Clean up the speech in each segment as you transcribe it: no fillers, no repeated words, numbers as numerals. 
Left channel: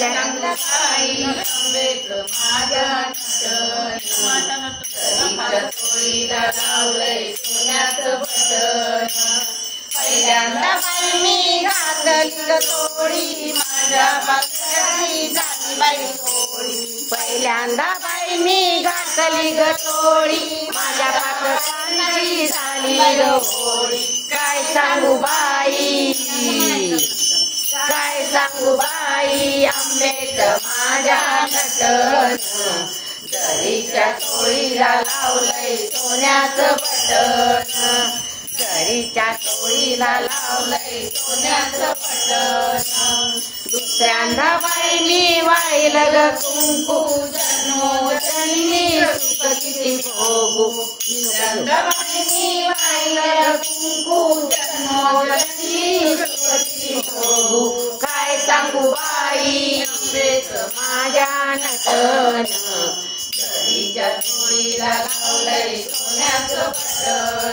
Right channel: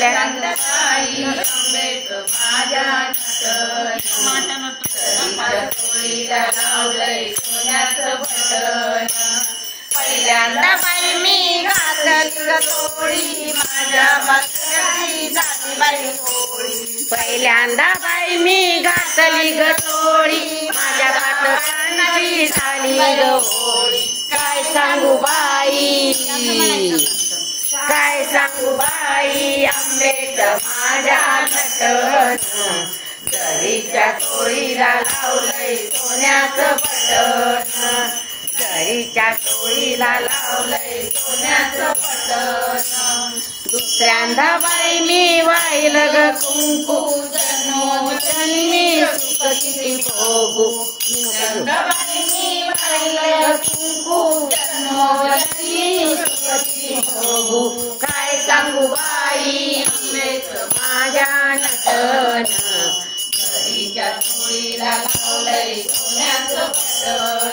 पहिल्यांदा बाई आंबेच माझ्या नटन दरीच्या चोळीला लावलंय सोन्याचं बटन पहिल्यांदा बाई मी घातली ग तोडी माझ्या पात्राची झाली बाई तोडी पहिल्यांदा बाई मी घातली ग तोडी माझ्या पात्राची झाली ग होडी काय सांगू बाई काय सांगू बाई आंबेच माझ्या नटन दरीच्या चोळीला लावलंय सोन्याचं बटन दरीच्या चोळीला लावलंय सोन्याचं बटन दुसऱ्यांदा बाई मी वाहिलं ग कुंकू जन्मोजन्मी सुख किती भोगू दुसऱ्यांदा बाई मी वाहिलं कुंकू जन्मोजन्मी सुख किती भोगू काय सांगू बाई आंबेच माझ्या नटन दरीच्या चोळीला लावलंय सोन्याचं बटन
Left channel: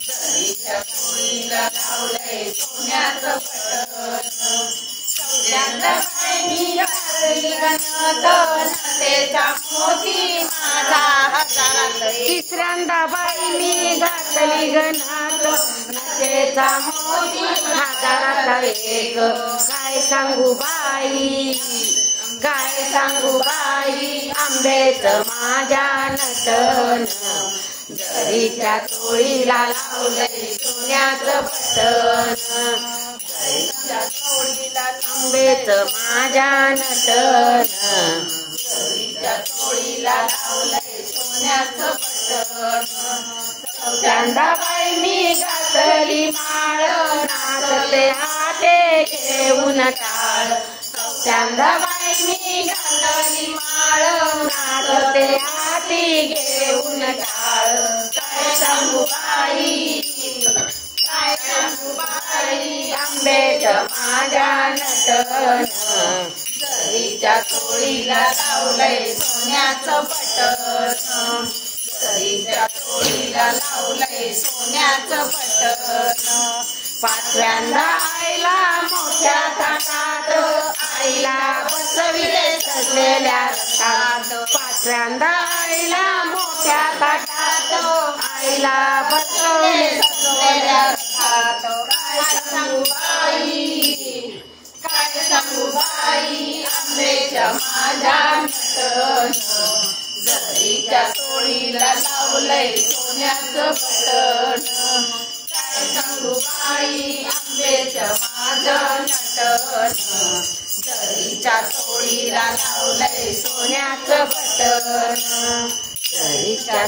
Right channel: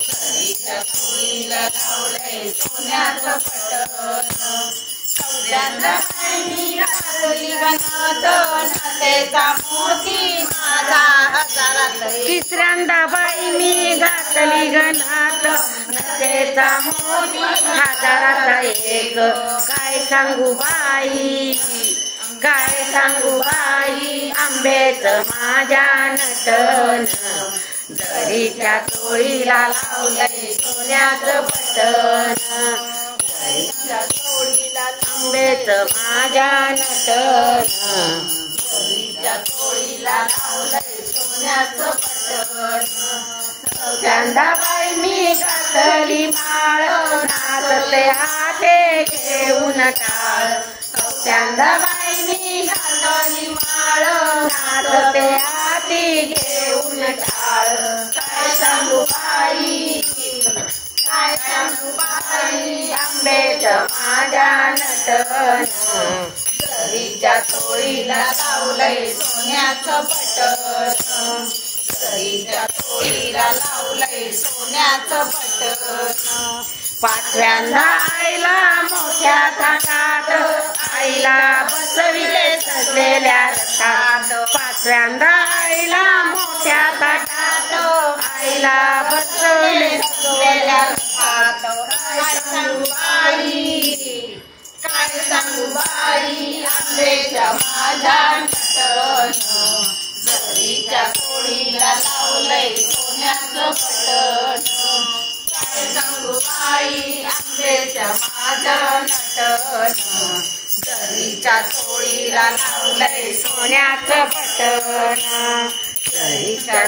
दरीच्या चोळीला लावलंय सोन्याचं बटन चौथ्यांदा बाई मी घातली गणत नातेचा मोती माझा हजारात तिसऱ्यांदा बाई मी घातली गणात नातेचा मोती हजारात एक काय सांगू बाई काय सांगू बाई आंबेच माझ्या नटन दरीच्या चोळीला लावलंय सोन्याचं बटन दरीच्या चोळीला आंबेच माझ्या नटन दरीच्या चोळीला लावलंय सोन्याचं बटन चौथ्यांदा बाई मी घातली माळ नाचते हाते घेऊन टाळ चौथ्यांदा बाई मी घातली माळ नाचते हाती घेऊन टाळ काय सांगू बाई काय सांगू बाई आंबेच माझ्या नटन दरीच्या चोळीला लावलंय सोन्याचं बटन दरीच्या चोळीला लावलंय सोन्याचं बटन पाचव्यांदा आईला मोठ्या थाटात आईला बसविले सजलेल्या रथात पाचव्यांदा आईला मोठ्या थाटात आईला बसविले सजलेल्या रथात काय सांगू बाई काय सांगू बाई आंबेच्या माझ्या नटन दरीच्या चोळीला लावलंय सोन्याचं बटन काय सांगू बाई आंबेच्या माझ्या नटन दरीच्या चोळीला लावलंय सोन्याचं बटन दरीच्या